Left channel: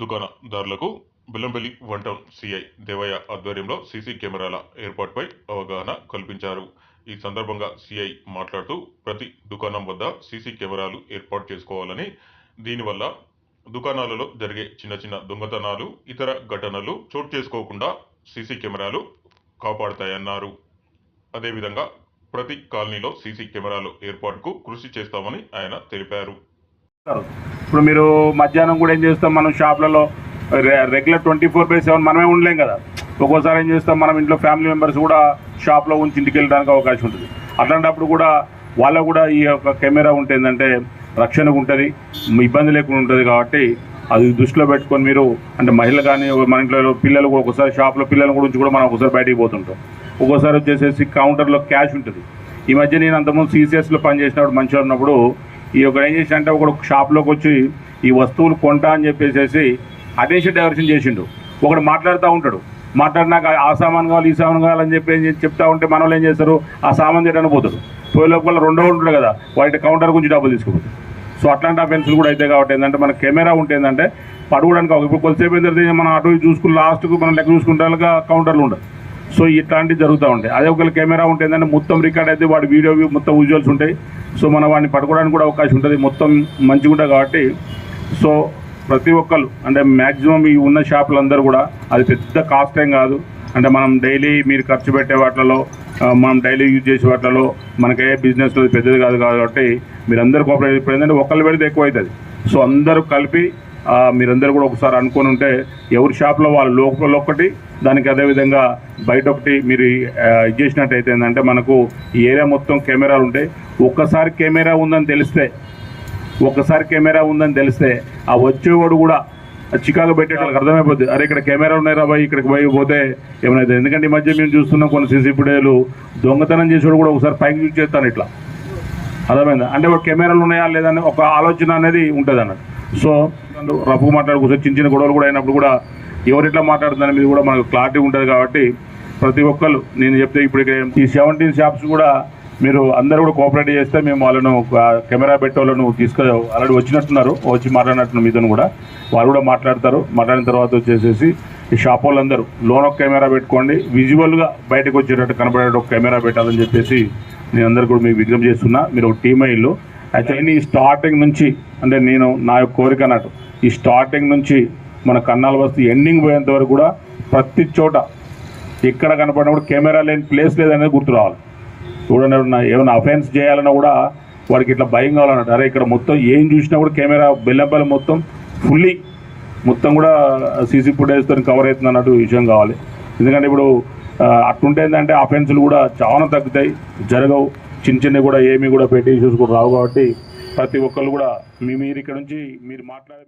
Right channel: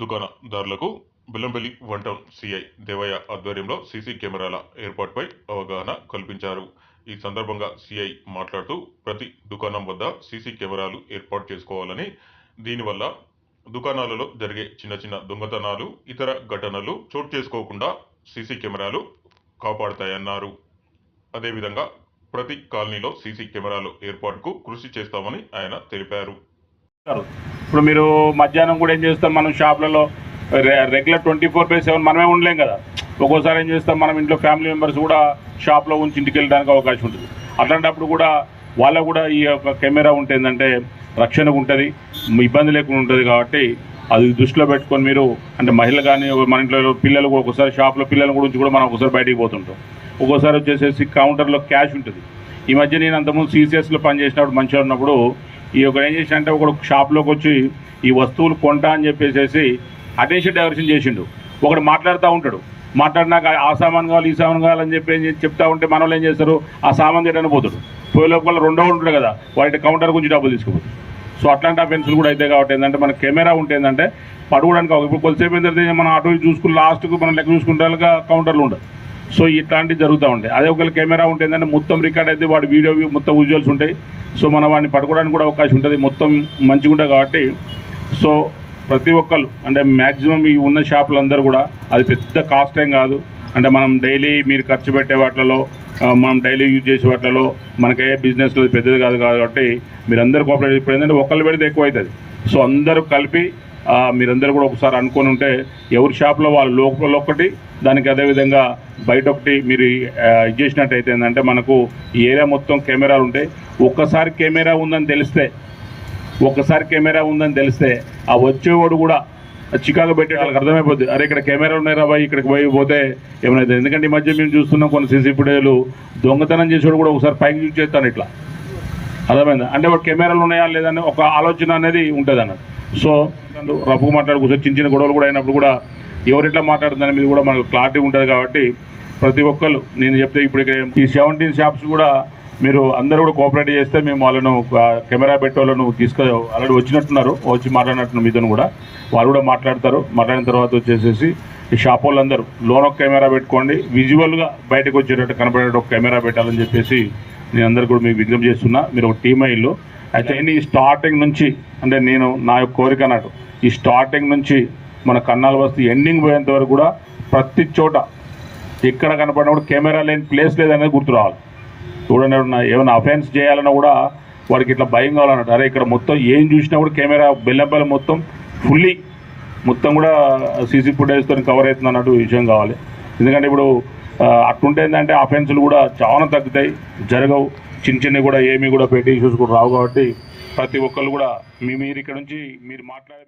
దుకాణదారులకు Bellampalli one town CI Devaiah ఆధ్వర్యంలో CC కెమెరాల ఏర్పాటుపై అవగాహన కల్పించారు. ఈ సందర్భంగా సిఐ మాట్లాడుతూ ప్రతి దుకాణం వద్ద సీసీ కెమెరాలు ఏర్పాటు చేసుకోవాలని, దీనివల్ల దుకాణాలలో జరిగే చిన్న చిన్న దొంగతనాలు, ఇతర ఘటనలు చోటు చేసుకోకుండా సీసీ కెమెరాలు కాపాడుతాయన్నారు. అదేవిధంగా ప్రతి కాలనీలో సీసీ కెమెరాలు ఏర్పాటుకు కృషి చేస్తామని ఆయన తెలిపారు. ఇప్పుడు మీరు మధ్యాహ్నం కూడా ఏం చేస్తాం, మనం షాప్లలో రెగ్యులర్ 24/7 మనమే ఉండలేం కదా. ఒక్కోసారి ఏం చేస్తాం, మనం ఇంట్లో ఫ్యామిలీ మెంబర్స్ కూడా షాప్లో ఉంచి ఇంటికి వెళ్ళడానికి అవకాశం ఉంటుంది. అట్లాంటప్పుడు కూడా వాళ్ళకు కూడా ఈ యొక్క కెమెరా ఉంటుందంటే రక్షణగా ఉంటుంది, ఇబ్బంది లేకుండా ఉంటుంది. కాబట్టి అది దృష్టిలో పెట్టుకొని మీరు అంటే మహిళలు కానీ మన ఇంట్లో పిల్లలు కూడా ఒకసారి షాప్లో పిల్లల గురించి కూడా మనం ఒకసారి బయటికి పోతుంటాం. ఒక్కోసారి వచ్చేసేసి కౌంటర్లో క్యాష్ ఉంటుంది. ఈ మధ్య నేను అంతకుముందు CCSలో పనిచేసినప్పుడు మంచిగా ఉన్నప్పుడు ఈ ఒక ఏం చేసినంటే ఒకడు షాప్లోకి వచ్చి ఈ వస్తువులు కొంటా అని చెప్పేసి అటెన్షన్ డైవర్షన్ చేసిండు. ఒకడు మాట్లాడుతూ ఉంటాడు, మాట్లాడినాక ఆ సామాన్ కావాలి ఈ సామాన్ కావాలని చెప్తా ఉంటే మన వాళ్ళు ఏం చేస్తారు, ఆ సామాన్ తీయడానికి పోతాడు. పోయే లోపల రెండో ఉంటాడు కదా, వాటి కౌంటర్ గురించి డబ్బులు తీసుకుపోతాడు. సో అట్లాంటి అఫెన్సులు కూడా అయితే కాబట్టి ఏంటంటే మన కెమెరా ఉంటే ఏంటంటే పడుకోవడానికి ఇప్పుడు కొద్దిసేపు ఏంటంటే మనం అటు చూసుకుని లాస్ట్కు మనం లెక్క చూసుకుంటే కౌంటర్లు ఉండదు. సో ఇట్లాంటివి జరుగుతూ ఉంటాయి. అదే ఒకవేళ కెమెరా ఉంటే ఏంటంటే మొత్తం రికార్డ్ అయితే వాడి వీడియో మొత్తం విజువల్స్ ఉంటాయి. సో మనం వాడిని పట్టుకోవడానికి కూడా అవకాశం ఉంటుంది, మొత్తం మంచిగా ఉంటుంది. కాబట్టి సో ప్రతి ఒక్కరు అంటే మ్యాక్సిమం ఈ ఉన్న షాపులందరూ కూడా అది పెద్ద కాస్ట్ ఏం కాదు. అంటే మనం డైలీ మీరు ఖర్చు పెట్టే వాటిలో మనం డైలీ యూజ్ చేసే వాటిలో మనకే బిజినెస్లో పెద్దది కాదు. కాబట్టి మీరందరూ కోఆపరేట్ ఇప్పుడు ఏంటంటే ఒకళ్ళు పెడితే ఎక్కువ అవుతుంది. సో అందరూ కలిపి మీరందరూ కూడా ఒకసారి అనుకొని ఉంటే ఎవరి షాప్లో వాళ్ళ లోపల ఒకటి, దానికి అదేవిధంగా బయట ఒకటి మీరు ఇది చేసినట్టయితే ఏంటంటే మనకు ఈ ఏరియా మొత్తం కెమెరాలు ఉంటాయి. ఒక్కసారి కెమెరా ఉందని తెలిస్తే ఆ వచ్చేవాడు కూడా చికాకు పెట్టేటోళ్ళకి అర్థమైపోద్ది, అరే ఇక్కడ కెమెరా ఉన్నాయి రా బాయ్, ఇక్కడికి పోతే ఏమైనా. ఎందుకంటే ఈ మధ్య మేము చూస్తున్నాం కొన్ని సీసీ ఫుటేజ్లు దొంగతనం చేసేవాడు కూడా ఒకసారి పైకి యూజ్ చేస్తాను ఇట్లా, అర్థమైందా. అంటే వాడు కెమెరాలు ఉన్నాయా లేదని ఒక ఆలోచన అనేది ఉంటుంది అన్నట్టు. సో రఫ్గా మాట్లాడుకోవచ్చు, చిన్న చిన్న గొడవలు కూడా అయినప్పుడు కూడా ఎవరిట్లా మాట్లాడుతున్న మీద కూడా మనకు క్లారిటీ ఉంటుంది. కాబట్టి ప్రతి ఒక్కరు నేను చెప్తే ఇప్పుడు ఈ 17 షాప్స్ కూడా మీరు అందరూ కూడా కోఆపరేట్ చేస్తే మేము వాళ్ళను కెమెరా పెట్టే వాళ్ళను ఆల్రెడీ వచ్చినట్టున్నారు, వచ్చి మాట్లాడినట్టు మీతో కూడా వాళ్ళు కూడా మాట్లాడతారు. మాట్లాడిన తర్వాత వచ్చేసేసి ఈ షాప్ వాళ్ళందరూ లోన్ ఒక కెమెరా పెట్టుకోండి, విజువల్గా బయటకు వచ్చేటట్టు కనపడేటట్టు ఒక కెమెరా పెట్టాలని చెప్పేసి నేను అందరు కూడా మీకు విజ్ఞప్తి చేస్తున్నా. మీరు ఒక టీమ్ అయ్యిల్లు. అయితే ఈ స్టార్టింగ్ నుంచి అంటే నేను నా యొక్క కోరిక అన్నట్టు ఈ స్టార్టింగ్ నుంచి మన కన్నాల బస్తీ ఎండింగ్ పోయేంత వరకు కూడా ప్రతి చోట ఎక్కడ కనపడినా కూడా కెమెరా లేని ప్లేస్ లేదనేది గుర్తు రావాలి. చూడండి ఏమైనా అఫెన్స్ చేయాలన్నా కూడా వాడికి ఇట్లా భయం కావాలన్నట్టు, అరే ఇక్కడ మొత్తం ఏం చూసినా కూడా కెమెరా బెల్లంపల్లి మొత్తం ఫుల్లీ మొత్తం కూడా సీసీ ఫుటేజ్తో కవర్ అవుతుంది అన్నట్టు విషయం కావాలి. ఎందుకంటే ఇప్పుడు అట్లుంటే ఏంటంటే అఫెన్సులు కూడా చాలా తగ్గుతాయి, జరగవు. చిన్న చిన్నవి కూడా ఏమీ కూడా పెట్టి ఇష్యూస్ కూడా రావు. కాబట్టి ప్రతి ఒక్కళ్ళు కూడా మీరు ఇక్కడ నుంచి మీరు మాట్లాడే